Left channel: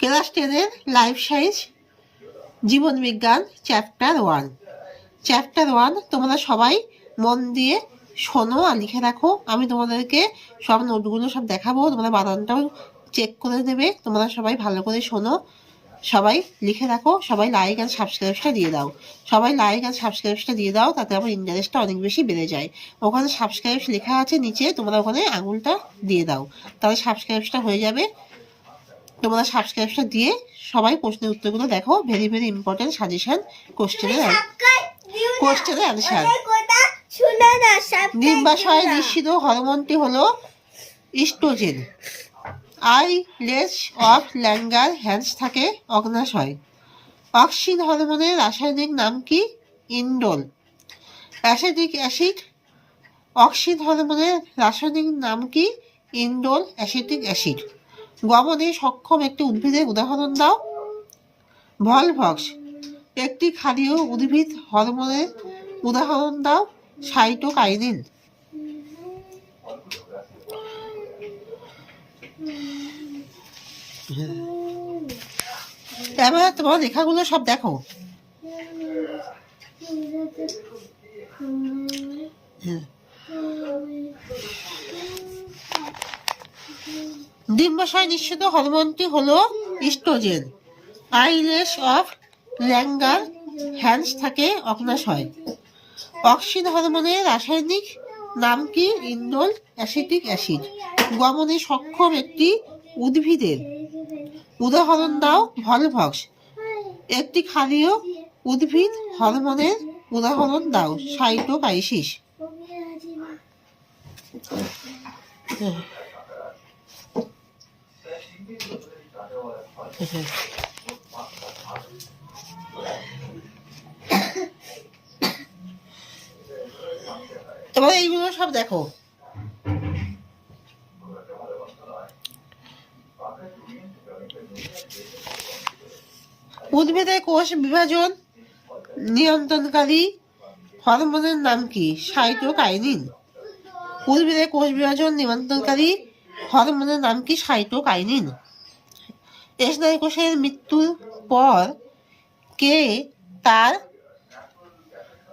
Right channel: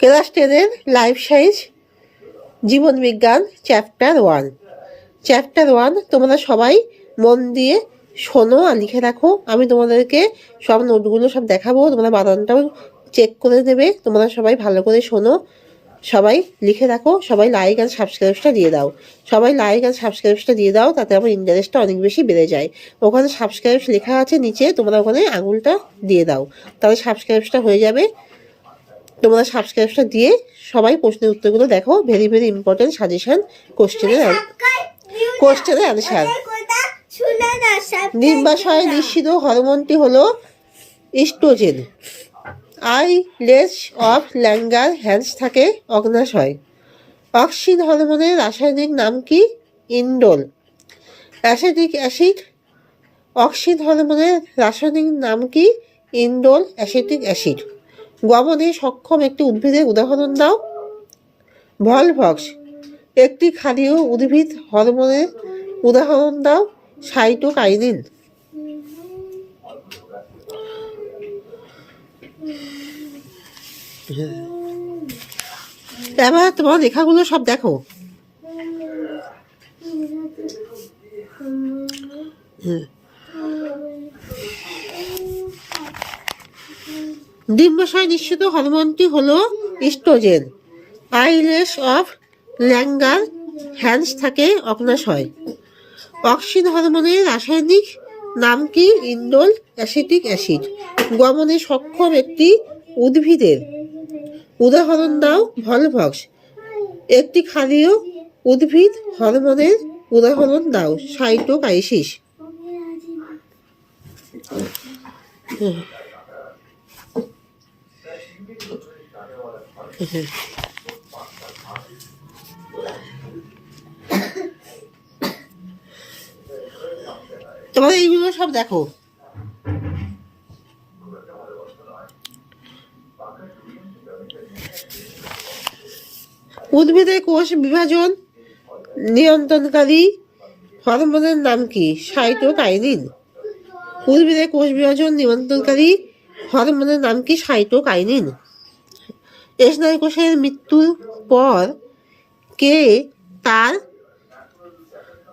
Class 10-এর life সাইজ জীবনবিজ্ঞান চ্যাপ্টার 1। চ্যাপ্টার 1 তোমরা সবাই মন দিয়ে শোনো আর লিখে রাখো। আমি তোমাদেরকে সব নোটগুলো সব দেখাবো, তোমরা বানানটাও চেক করে নেবে। তোমরা সবাই ভালো করে শোনো, সবাই লিখে রাখো, সবাই লাইক আর সাবস্ক্রাইবটা দিয়ে দাও। সবাই লাইক আর সাবস্ক্রাইবটা দিয়ে দাও, তাতে আমার ইন্টারেস্টটা অনেক বেশি বেড়ে যায়। ওখানে সাবস্ক্রাইব লেখা আছে নিচে, তোমরা ওখানে আঙুলটা দিয়ে দাও, তাহলে সাবস্ক্রাইবটা হয়ে যাবে। তোমরা সাবস্ক্রাইবটা দিয়ে সবাই প্রশ্নের উত্তরগুলো দেখো। ভেরি ভেরি ইম্পর্টেন্ট সাজেশন কোশ্চেনের অ্যান্সার। ডিম্বাশয় নিঃসৃত হরমোনটি হলো ইস্ট্রোজেন। আইলেস অফ ল্যাঙ্গার হ্যান্ডস থাকে অগ্নাশয়। অক্সিন হরমোনের রাসায়নিক নাম কি? ইন্ডোল। Acetic acid. অক্সিন হরমোনের রাসায়নিক নাম কি? Indole acetic acid. গমনে সক্ষম একটি উদ্ভিদের উদাহরণ দাও। ভলভক্স। একটি ক্ষারীয় উদ্ভিদ হরমোনের উদাহরণ দাও। সাইটোকাইনিন। এবার তোমার লেখাগুলো সব দেখো। ডিম্বাশয় নিঃসৃত হরমোনটি হলো ইস্ট্রোজেন। আইলেস অফ ল্যাঙ্গার হ্যান্ডস থাকে অগ্নাশয়। অক্সিন হরমোনের রাসায়নিক নাম কি? Indole acetic acid. গমনে সক্ষম একটি উদ্ভিদের উদাহরণ দাও। ভলভক্স। একটি ক্ষারীয় উদ্ভিদ হরমোনের উদাহরণ দাও। সাইটোকাইসিস। তোমার এইগুলো সব দেখো। উদ্ভিদের কোষ বিভাজন নিয়ন্ত্রণকারী হরমোনের নাম কি? সাইটোকাইনিন। উদ্ভিদের কোষ বিভাজন নিয়ন্ত্রণকারী হরমোনের নাম কি? সাইটোকাইনিন। স্নায়ুকোষের মৃত্যুর পর কে তার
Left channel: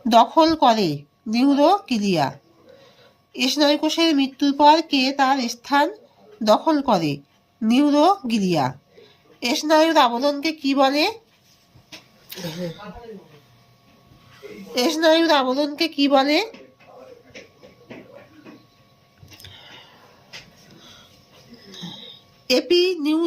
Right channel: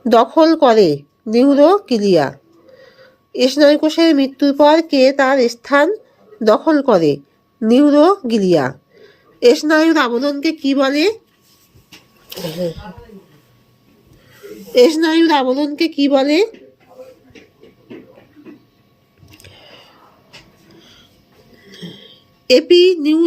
দখল করে? নিউরোকিলিয়া। স্নায়ুকোষের মৃত্যুর পর কে তার স্থান দখল করে? নিউরোগিলিয়া। স্নায়ুর আবরণকে কি বলে? স্নায়ুর আবরণকে কি বলে? AP new